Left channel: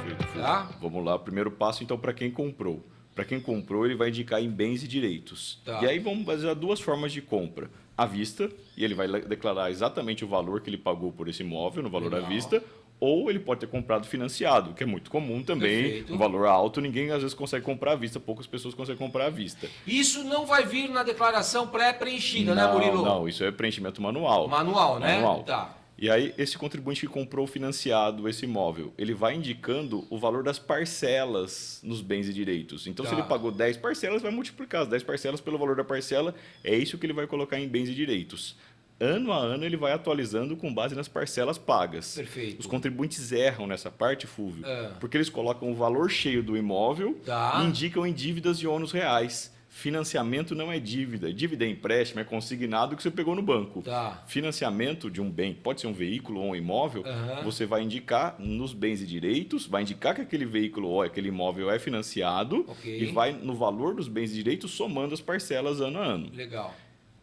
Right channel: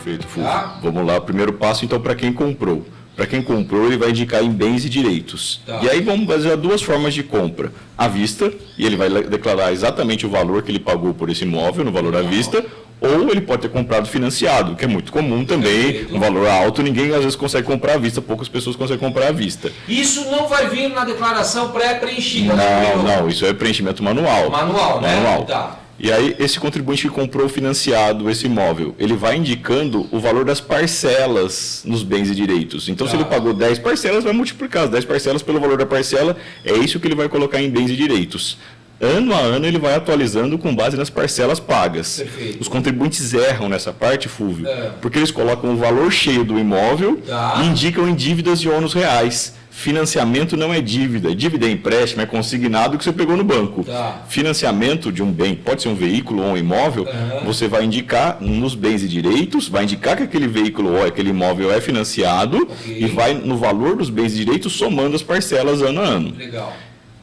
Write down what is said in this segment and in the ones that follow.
Perfeito, Fulvio. Tá? Vamos lá, o primeiro passo, então, para quem comprou. Para quem comprou, ele vai indicar em bens e direitos. Tá. E aí vamos fazer duas formas de compra. À vista, e ele vai declarar exatamente o valor que ele pagou por esse imóvel, no valor à vista, ou ele pode ter comprado financiado, que é muito comum também, um valor alto, ninguém às vezes consegue comprar à vista, poucas pessoas conseguem comprar à vista. Isso não vai vir na declaração pré-preenchida? Não, isso é preenchimento manual. Manual, né? Manual. Tá. E aí, esse contribuinte que comprou financiado esse imóvel, ele vai indicando o valor das parcelas nos bens e direitos. Então, se ele pagou 10 parcelas, vai multiplicar as 10 parcelas pelo valor da parcela, é isso que ele vai colocar em bens e direitos. Ano a ano, ele vai atualizando com base nas parcelas pagas. Perfeito. Os contribuintes erram nessa parte, Fulvio, porque eles colocam o valor cheio do imóvel e indicam em dívidas de ônus reais. Financiamento não é dívida. Dívida é empréstimo, é consignado que você pegou no banco. Financiamento de um bem, pode ser um veículo ou um imóvel, você vai indicar nos bens e direitos, vai indicar que aquele veículo ou aquele imóvel é financiado e vai no valor dos bens e direitos somando as parcelas ano a ano. Legal.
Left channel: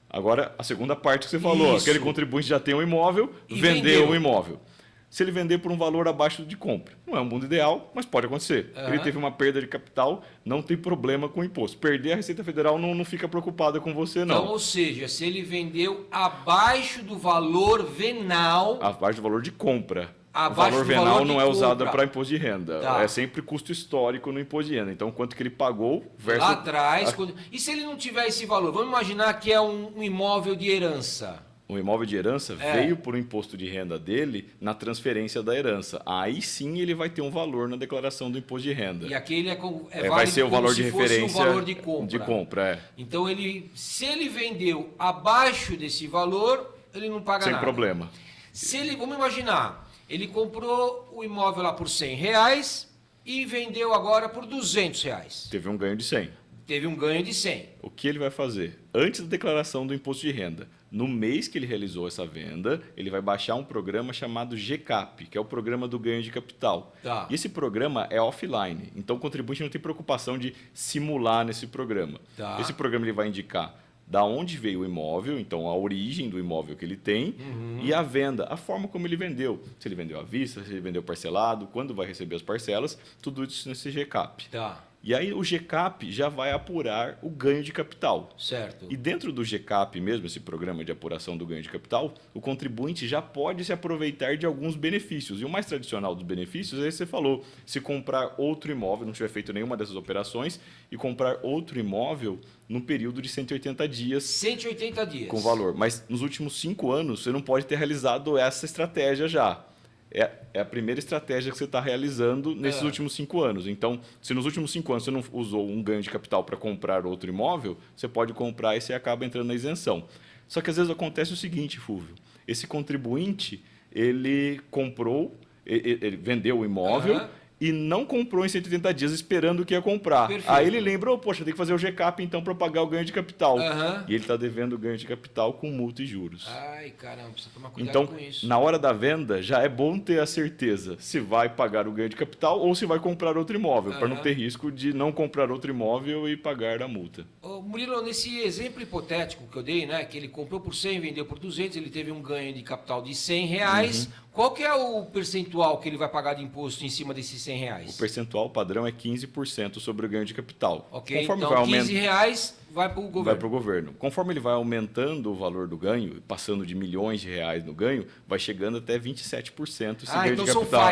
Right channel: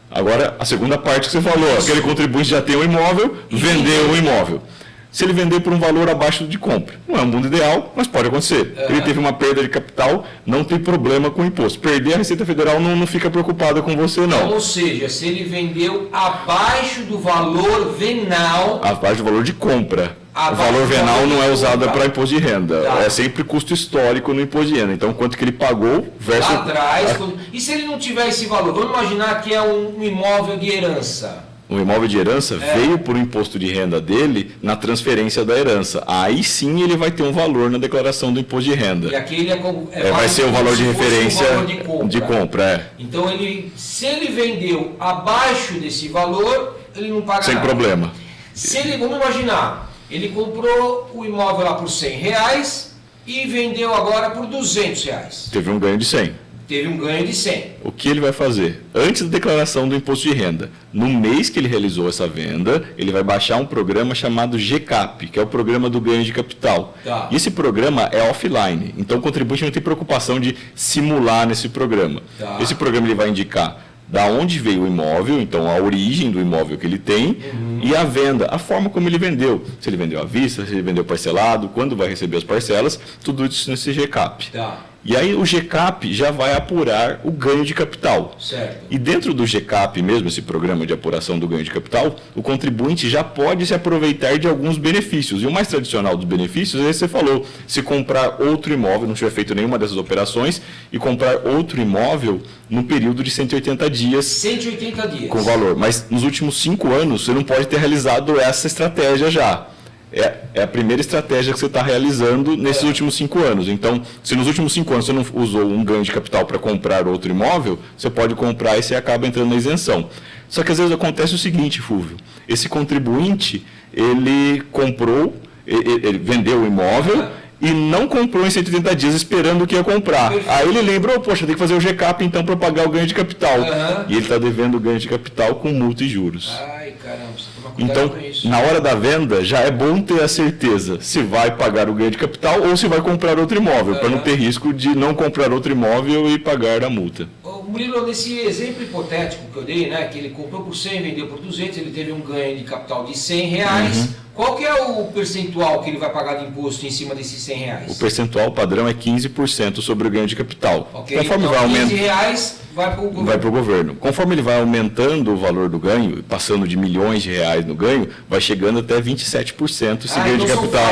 Agora, a segunda parte que você falou, aquele contribuinte já tem um imóvel, vendeu o imóvel. Se ele vender por um valor abaixo de compra. Não é um mundo ideal, mas pode acontecer. Ele teve uma perda de capital, não tem problema com o imposto. Perder, a Receita Federal não fica preocupada com você, não. Ou seja, se ele vendeu abaixo do valor venal... Abaixo do valor de compra. O valor venal não é usado para imposto de renda. É sempre custo histórico no imposto de renda. Então, quanto que ele pagou versus... Lá atrás. E se ele não tiver esse valor? Vamos imaginar que é um imóvel de herança. O imóvel de herança veio por imposto de renda dele na transferência da herança. Aí sim ele vai ter um valor na declaração do imposto de renda. E aquele vai ser o valor de referência de compra. Então, se ele vendeu abaixo desse valor, ele não paga nada. Sem problema. Vamos imaginar, ele comprou o imóvel lá por R$100 e vendeu agora por R$200. Teve um ganho de 100. Teve um ganho de 100. O que ele vai fazer? Antes da declaração do imposto de renda, no mês que ele realizou essa venda, ele vai baixar um programa chamado GCAP, que é o Programa do Ganho de Capital. E esse programa é offline, então o contribuinte não tem preocupação de simular nesse programa. Esse programa ele vai indicar da onde veio o imóvel, então a origem do imóvel que ele tem, e a venda, a forma como ele vendeu. Se ele vendeu à vista, se ele vendeu parcelado, quando vai receber as parcelas, tudo isso nesse GCAP. E aí o GCAP já vai apurar o ganho de capital. Certo. E dentro do GCAP mesmo, esse programa de apuração do ganho de capital, o contribuinte já pode se aproveitar de alguns benefícios. E o mais tradicional dos benefícios é esse que você falou, se comprar outro imóvel, não tiver feito nenhuma dessas operações, e comprar outro imóvel no período de 180 dias. 180 dias. Com valor. Mas nos últimos 5 anos, você não pode ter realizado essa estratégia já. É a primeira estratégia que você está realizando nesses últimos 5 anos. Então, se nos últimos 5 anos você não usou um ganho de capital para comprar outro imóvel, você pode comprar e você acaba entrando na isenção. Só que às vezes acontece o seguinte, Fulvio, esse contribuinte, ele comprou, ele vendeu o imóvel e não comprou em 180 dias esperando que ia comprar. Aí ele lembra, poxa, tem que fazer o GCAP então para pagar o ganho de capital. E ele está devendo o ganho de capital com multa e juros. Ai, caramba, você toma cuidado então, com isso. na hora da venda, já é bom ter a certeza se vai pagar o ganho de capital ou se vai comprar outro imóvel, para não ter risco de não comprar outro imóvel e pagar a multa. Murilo, nesse exemplo hipotético que eu dei, né, que ele comprou por 100, vendeu por 200, ele teve um ganho de capital de R$100, qual que é o percentual que ele vai pagar de imposto em cima desses R$100? O percentual padrão é 15% sobre o ganho de capital. Conforme então, vai R$15 vai para o governo. Vai para o governo. Conforme ele vai aumentando o valor do ganho, passando de milhões de reais no ganho, vai chegando até 27% esse ganho de capital.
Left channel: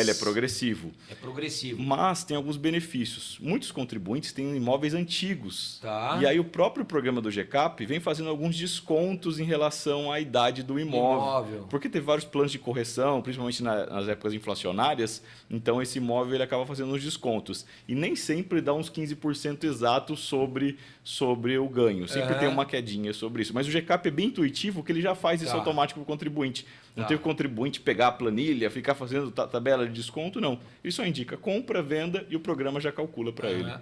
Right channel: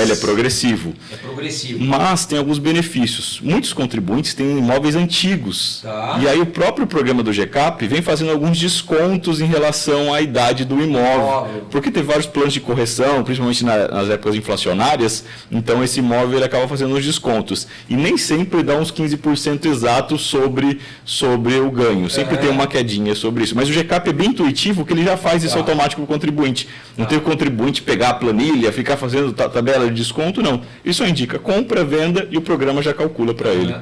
Ele é progressivo. É progressivo. Mas tem alguns benefícios. Muitos contribuintes têm imóveis antigos. E aí o próprio programa do GCAP vem fazendo alguns descontos em relação à idade do imóvel. Porque tem vários planos de correção, principalmente nas épocas inflacionárias, então esse imóvel ele acaba fazendo os descontos. E nem sempre dá uns 15% exatos sobre o ganho. Sempre tem uma quedinha sobre isso. Mas o GCAP é bem intuitivo, que ele já faz isso automático com o contribuinte. Não tem o contribuinte pegar a planilha, ficar fazendo tabela de desconto, não. Ele só indica compra, venda e o programa já calcula para ele.